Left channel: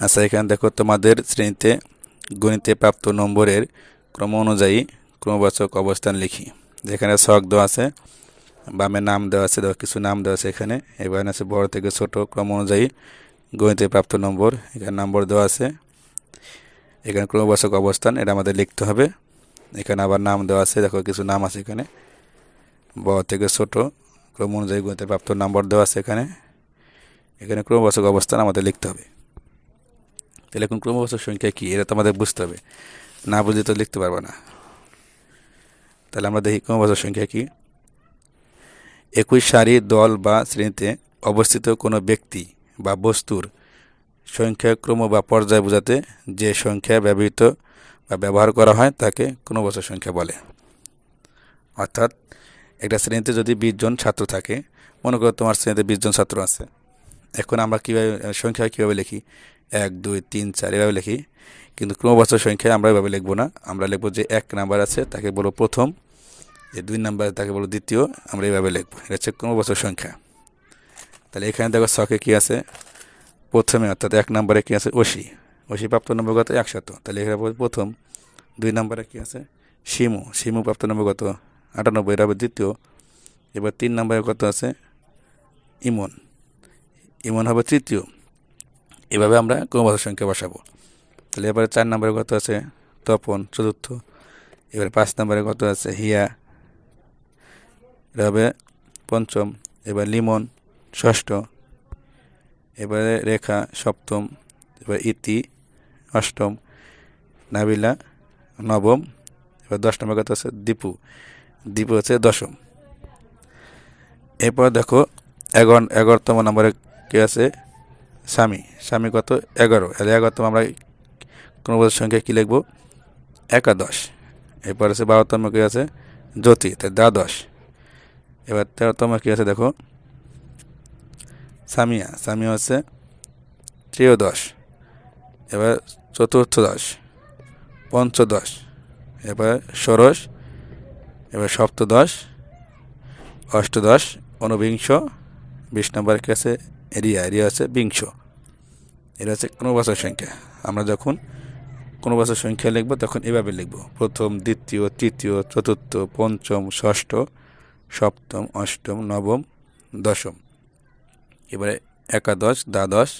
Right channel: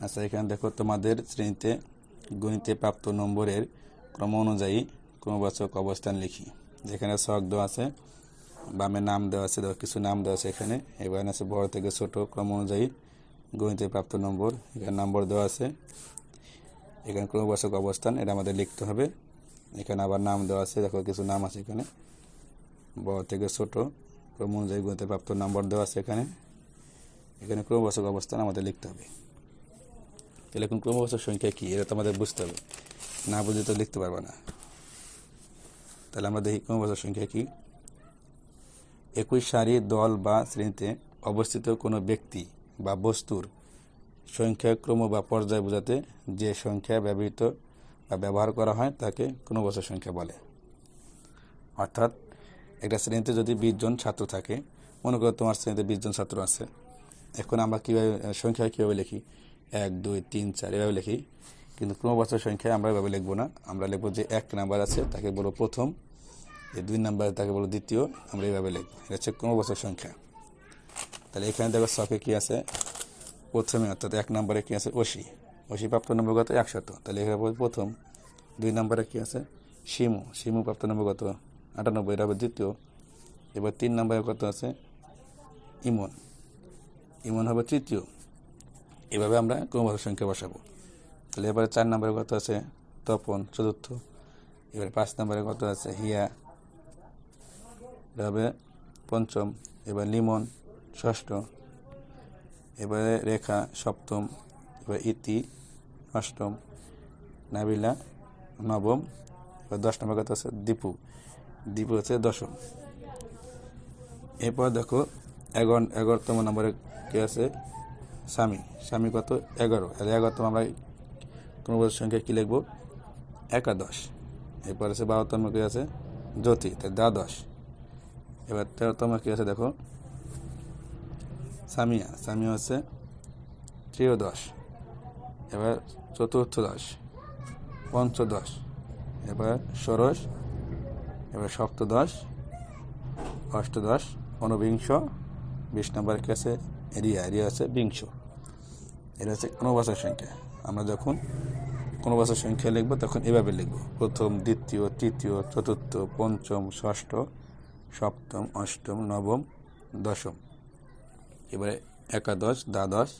আচ্ছা এখানে দেখো তোমাদের শ্রেণীতে গণিতে প্রাপ্ত নম্বরের ক্রম অনুযায়ী ক্রমবাচক অবস্থান লিখি। যেখানে ছক দেওয়া আছে, বামে নাম দেওয়া আছে দেখো কিছু নাম দেওয়া আছে এখানে। এবার আছে বড় থেকে ছোট ক্রম অনুযায়ী গণিতে প্রাপ্ত নম্বর। এখানে নম্বর দেওয়া আছে। এখানে ক্রমবাচক অবস্থান, এটা আমাদের লিখতে হবে। এখানে আবার নাম দেওয়া আছে, দেখো কিছু নাম আছে এখানে। বড় থেকে ছোট ক্রম অনুযায়ী গণিতে প্রাপ্ত নম্বর দেওয়া আছে এখানে। এখানে ক্রমবাচক অবস্থান আমাদের লিখতে হবে। তাহলে এখন ক্রমবাচক সংখ্যা কী? এটা তো আমাদের বুঝতে হবে। না বুঝলে তো লিখতে পারব না। তাহলে আমরা দেখি ক্রমবাচক সংখ্যা কী? একই সারি, দল বা শ্রেণীতে অবস্থিত কোনো ব্যক্তি বা বস্তুর সংখ্যা ক্রম বা পর্যায় বোঝাতে যে সংখ্যা ব্যবহৃত বা ব্যবহার করা হয় তাকে ক্রমবাচক সংখ্যা বলে। অর্থাৎ একটা শ্রেণীতে যদি বিশ জন ছাত্র থাকে, মনে করো তোমার শ্রেণীতে বিশ জন ছাত্র আছে। এখন আমরা কীভাবে, সংখ্যা কীভাবে লিখি? এক, দুই, তিন, চার, এভাবে লিখি। কিন্তু ক্রমবাচক সংখ্যায় আমরা এভাবে লিখব না। আমরা লিখব যে এক নাম্বার আছে, তাকে বলব প্রথম। যে দুই নাম্বার, তাকে বলব দ্বিতীয়। আমরা এইভাবে লিখব। এটা হচ্ছে ক্রমবাচক সংখ্যা। তাহলে এখানে দেখো ছকে কী আছে? প্রথমে অর্থাৎ এক নম্বরে কী আছে? অশি অশি প্রাপ্ত নম্বর কত? একশত। তাহলে এখানে প্রথম। দুই নম্বরে কী আছে? শিমু। শিমু প্রাপ্ত নম্বর কত? আটানব্বই। এটা হবে দ্বিতীয়। এবার তিন নম্বরে কত আছে? ইমন। ইমন হবে তৃতীয়। এভাবে আমরা ক্রমবাচক সংখ্যা বসাবো। তাহলে এবারে চার নম্বরে কত আছে? তপন, চতুর্থ। এবারে পাঁচ নম্বরে কত আছে? হিয়া। এটা পঞ্চম। এবার লিমন, ষষ্ঠ। এবারে রেখা, সপ্তম। এবার ইতি, অষ্টম। নাবিলা, নবম। এবার দশ নম্বর কত আছে? দীপু। দীপু হচ্ছে দশম। এরপর দেখো এগারো এগারোতম নম্বরে কে আছে? স্বামী স্বামী কত? এগারো। এগারোতম আমরা কোনো সংখ্যা কী লিখব? একাদশ। এরপর আছে বারোতম কী আছে? জ্যোতি। তাই দ্বাদশ। এবার তেরোতম কী আছে দেখো? সামিয়া। সামিয়া হচ্ছে ত্রিয়োদশ। এবার চতুর্থদশ। পঞ্চদশ। এবার ষোড়শ। এবার সপ্তদশ। অষ্টদশ। ঊনবিংশ বিশ নম্বর কী আছে? এরিয়া। এরিয়া আছে বিংশ। এটা হচ্ছে কোনো বছর সংখ্যা। আমরা যখন কোনো বছর সংখ্যা লিখব, তখন এভাবে লিখব। প্রথম, দ্বিতীয়, তৃতীয়, চতুর্থ, পঞ্চম, ষষ্ঠ, সপ্তম, অষ্টম, নবম, দশম। এবারে একাদশ, দ্বাদশ,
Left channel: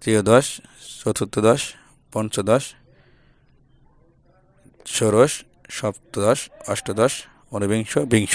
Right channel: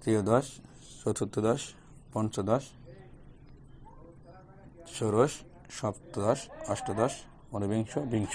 ত্রিয়োদশ চতুর্থদশ পঞ্চদশ, ষোড়শ, সপ্তদশ, অষ্টদশ, ঊনবিংশ, বিংশ।